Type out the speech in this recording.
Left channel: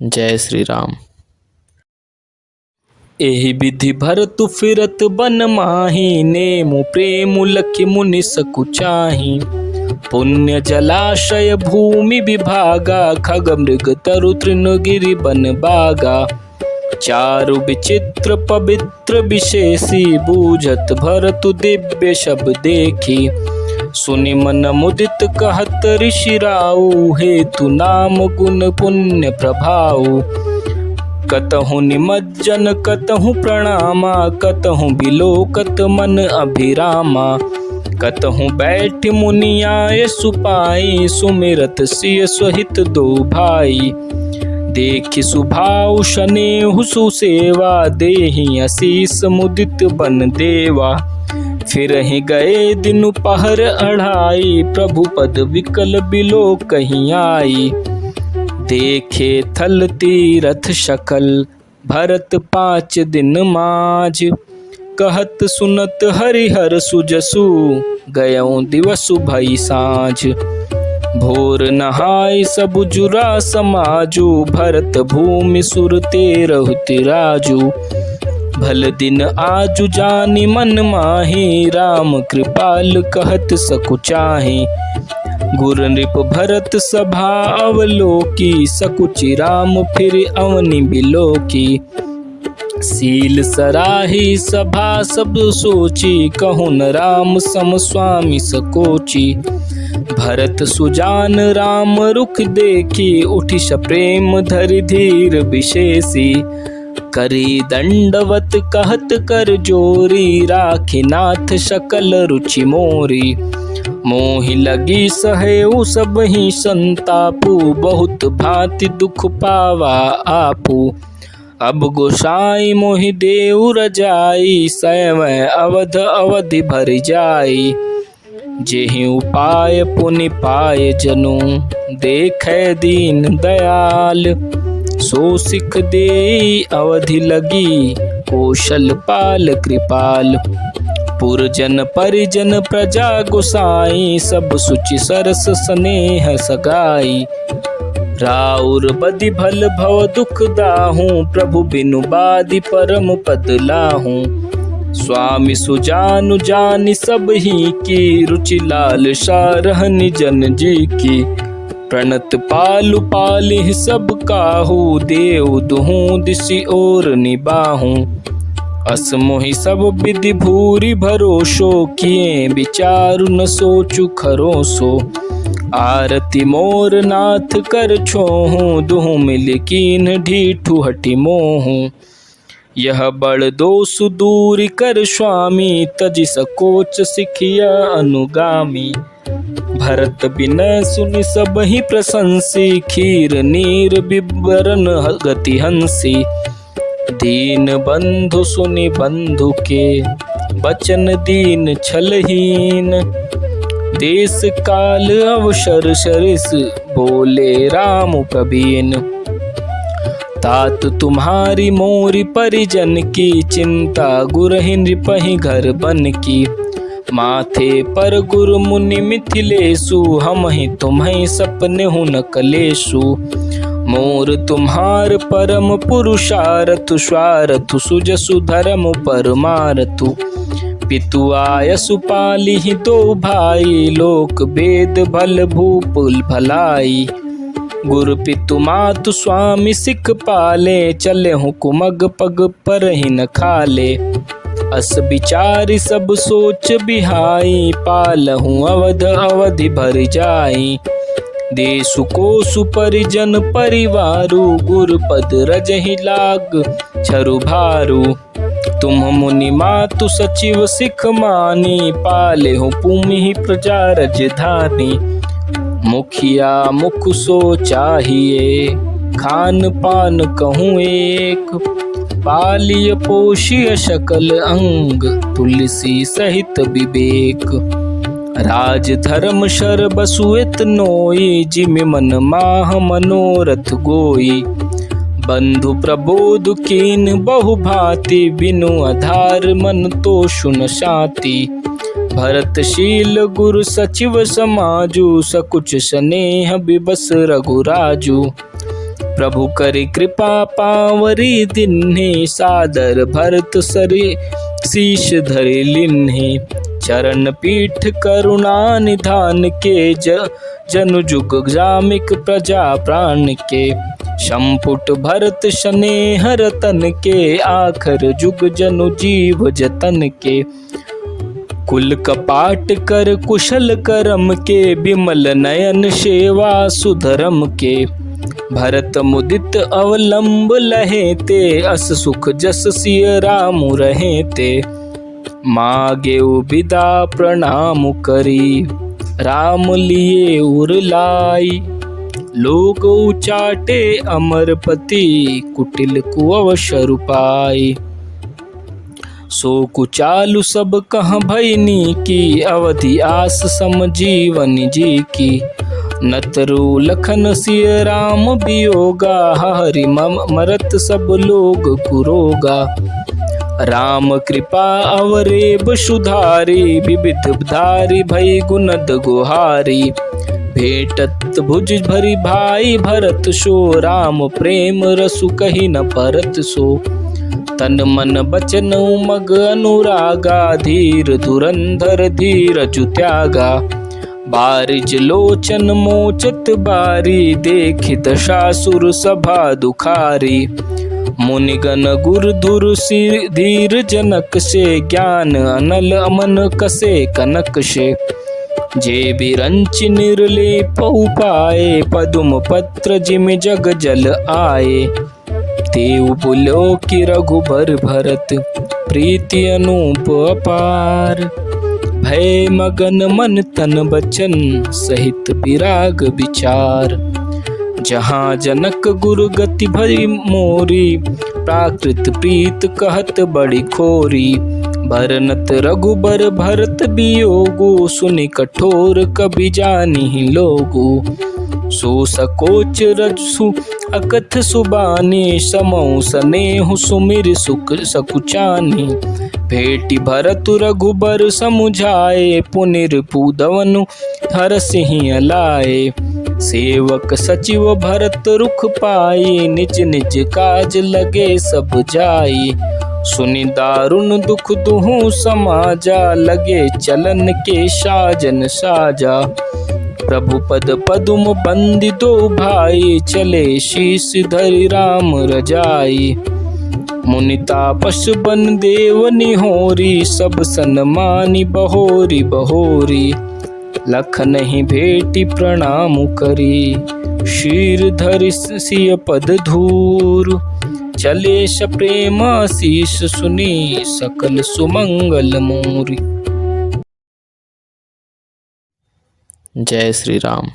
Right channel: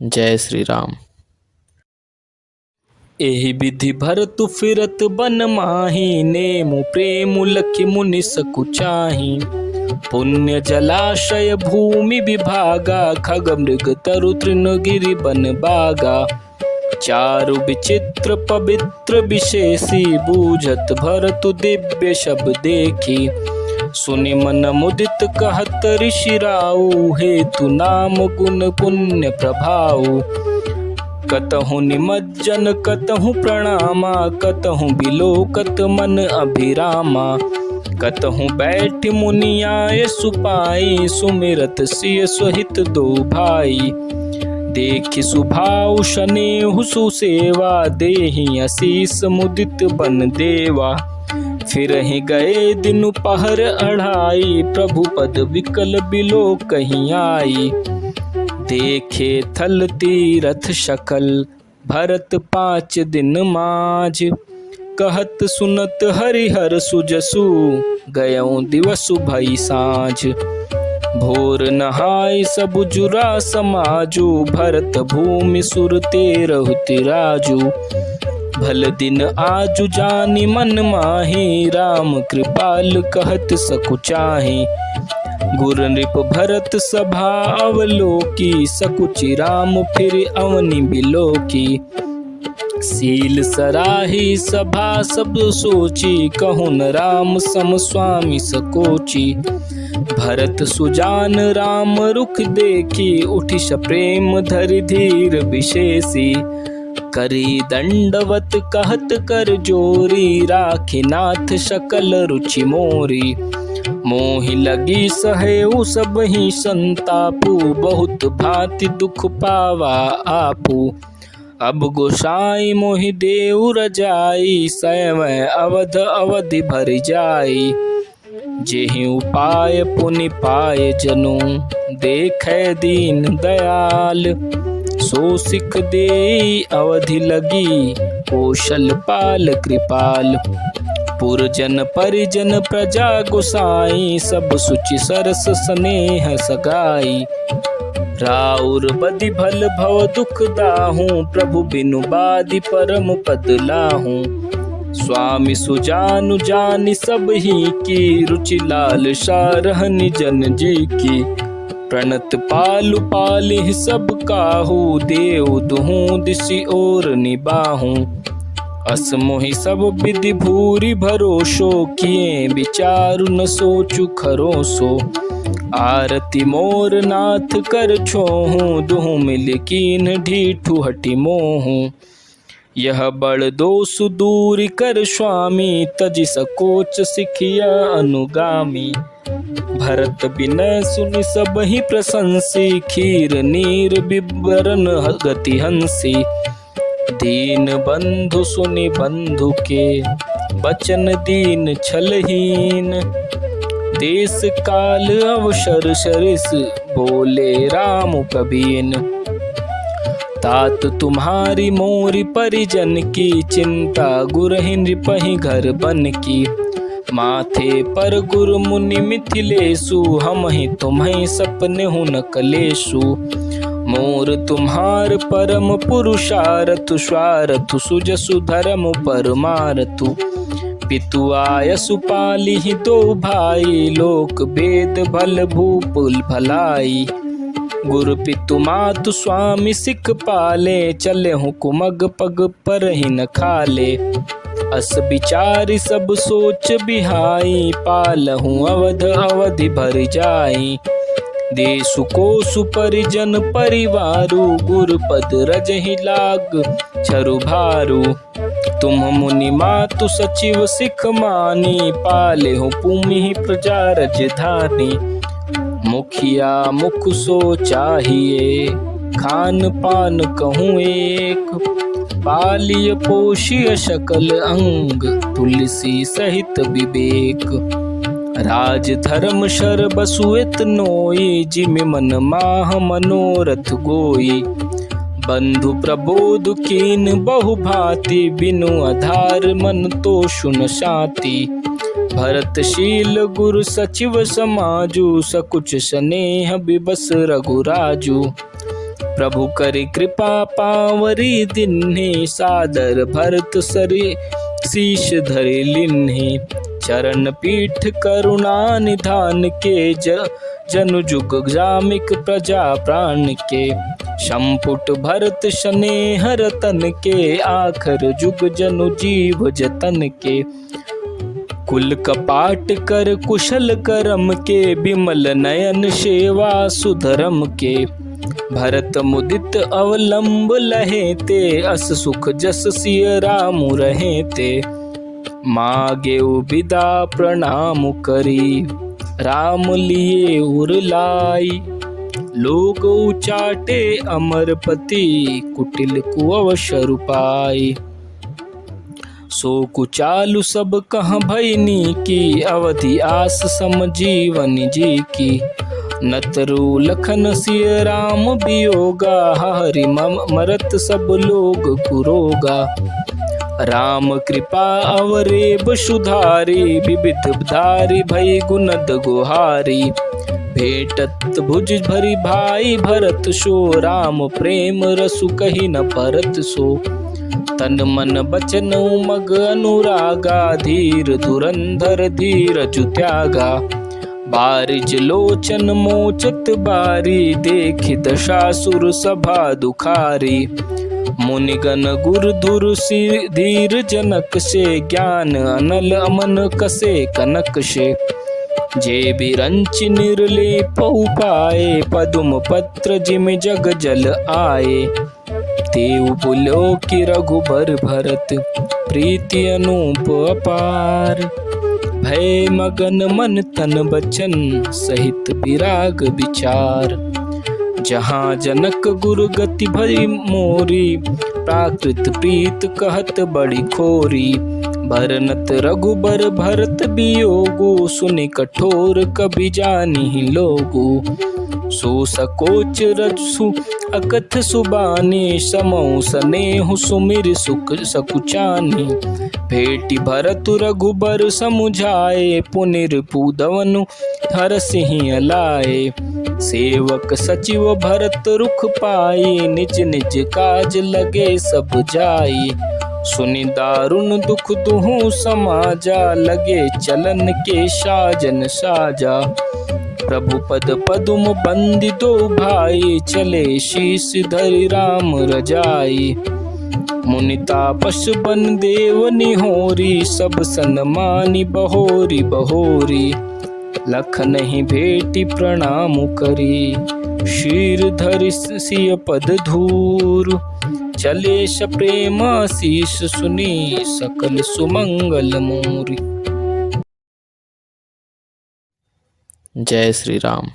जय श्री राम। एहि विधि भरतु फिरत बन माही, नेमु प्रेमु लखि मुनि सकुचाही। पुण्य जलाशय भूमि विभागा, खग मृग तरु तृण गिरि बन बागा। चारु विचित्र पवित्र विशेषी, बूझत भरतु दिव्य शब्द देखी। सुनि मन मुदित कहत ऋषि राऊ, हेतु नाम गुण पुण्य प्रभाऊ। कतहु निमज्जन कतहु प्रणामा, कतहु बिलोकत मन अभिरामा। कतहु बैठ मुनि आए सुपाई, सुमिरत सिय सहित दो भाई। देखि सुभाऊ शनेहु सुसेवा, देहि असीस मुदित बन देवा। फिरहि गए दिनु पहर अढ़ाई, प्रभु पद विकल बिलो कहीं आई। देखे थल तीरथ शकल, भरत 5 दिन माज। कहत सुनत हरिहर सुजसु, गयऊँ दिवसु भई साँझ। भोर नहाय सब जुरा समाजु, भरत भूमि सुर तेरहु तिराजु। भल दिन आजु जानि मन माही, राम कृपाल कहत सकुचाही। गुर नृप भरत सभा अवलोकी, सकुचि राम फिर अवनि बिलोकी। सील सराही सभा सब सोची, कहु न राम सम स्वामी सकोची। भरत सुजान राम रुख देखी, उठि प्रेम धरि धीर विशेषी। करी दंडवत कहत कर जोरी, राखी नाथ सकल रुचि मोरी। मोहि लगी सहेउ सबहि संतापु, बहुत भांति दुख पावा आपू। अब गोसाई मोहि देउ रजाई, सैवै अवध अवधि भरि जाई। जेहि उपाय पुनि पाए जनु, देखै दीन दयाल। सो सिख देई अवधि लगी, कौशल पाल कृपाल। पुरजन परिजन प्रजा गोसाई, सब सुचि सरस स्नेह सगाई। राउर बदि भल भव दुख दाहूँ, प्रभु बिनु बादि परम पद लाहूँ। स्वामी सुजानु जानि सब ही की, रुचि लाल सारहनि जन जी की। प्रणत पालु पालिह सब काहू, देव दुहूँ दिसि और निबाहूँ। अस मोहि सब विधि भूरि भरोसो, किए विचारु न सोचु खरोसो। आरती मोर नाथ कर छोहूँ, दुहु मिल कीन ढीठु हटि मोहूँ। यह बड़ दोषु दूरि कर स्वामी, तजि सकोच सिखिया अनुगामी। भरत बिनय सुनि सबहि प्रशंसी, खीर नीर बिबरन गति हंसी। दीन बंधु सुनि बंधु के, बचन दीन छलहीन। देश काल अवसर सरिस, बोले राम प्रवीण। तात तुम्हारी मोरी परिजन की, चिंता गुरहि नृपहि घर बन की। माथे पर गुरु मुनि मिथिलेशु, हमहि तुम्हि सपने हूँ न कलेशु। मोर तुम्हार परम पुरुषारथु, स्वारथु सुजसु धर्म परमारथु। पितु आयसु पालिहि दो भाई, लोक वेद भल भूपुल भलाई। गुरु पितु मातु स्वामी सिख पाले, चले हूँ कुमग पग पर ही न खाले। अस विचारि सब सोच बिहाई, पालहूँ अवध अवधि भर जाई। देसु कोसु परिजन परिवारु, गुरुपद रजहि लाग छरु भारू। तुम मुनि मातु सचिव सिख मानी, पाले हो भूमि प्रजा राजधानी। मुखिया मुख सो चाहिए, खान पान कहूँ एक। पालिय पोषिय सकल अंग, तुलसी सहित विवेक। राज धर्म शर बसुएत नोई, जिमि मन माह मनोरथ गोई। बंधु प्रबोध कीन बहु भांति, बिनु आधार मन तोषु न शांति। भरतशील गुरु सचिव समाजु, सकुच स्नेह बिबस रघुराजु। प्रभु करे कृपा पावरी दिन्हे, सादर भरत सरे शीश धरे लिन्हे। चरण पीठ करुणा निधान के, जनु जुग जामिक प्रजा प्राण के। संपुट भरत स्नेह रतन के, आखर जुग जनु जीव जतन के। कुल कपाट कर कुशल करम के, बिमल नयन सेवा सुधरम के। भरत मुदित अवलंब लहे ते, अस सुख जस सिय राम रहे ते। मागे बिदा प्रणाम करी, राम लिए उरलाई। लोग उचाटे अमरपति, कुटिल कुअवसर पाई। सो कुचालु सब कह भयनी की, अवधि आस सम जीवन जी की। नतरु लखन सिय राम वियोगा, हरि मरत सब लोग कुरोगा। राम कृपा अवरेब सुधारी, विविध धारी भई गुणद गुहारी। भेटत भुज भरी भाई भरत सो, राम प्रेम रसु कही न परत सो। तन मन बचन उमग अनुरागा, धीर धुरंधर धीरज त्यागा। बारिज लोचन मोचत बारी, देखि दशासुर सभा दुखारी। मुनिगण गुर धुर सिर धीर जनक से, ज्ञान अनल अमन कसे कनक से। जे बिरंच निर्लेप उपाय, पदुम पत्र जिम जग जल आए। तेउ बोलो कि रघुबर भरत, प्रीति अनूप अपार। भय मगन मन तन बचन, सहित विराग विचार। जहाँ जनक गुरु गति भई मोरी, प्राकृत प्रीत कहत बड़ी खोरी। भरनत रघुबर भरत वियोगो, सुनि कठोर कबि जानि लोगो। सो सकोच रजसु अकथ सुबानी, समौ सनेहु सुमिर सुख सकुचानी। भेटी भरत रघुबर समुझाए, पुनिर पूदवनु हरसिहि लाए। सेवक सचिव भरत रुख पाई, निज निज काज लगे सब जाई। सुनि दारुण दुख दुहु समाजा, लगे चलन के साजन साजा। प्रभु पद पदुम बंदी दो भाई, चले शीस धरि राम रजाई। मुनि तापस बन देव निहोरी, सब सन्मानी बहोरी बहोरी। लखनहि भेटी प्रणाम करी, शीर धरि सिय पद धूर। चले प्रेम आशीष सुनी, सकल सुमंगल मोरी। जय श्री राम।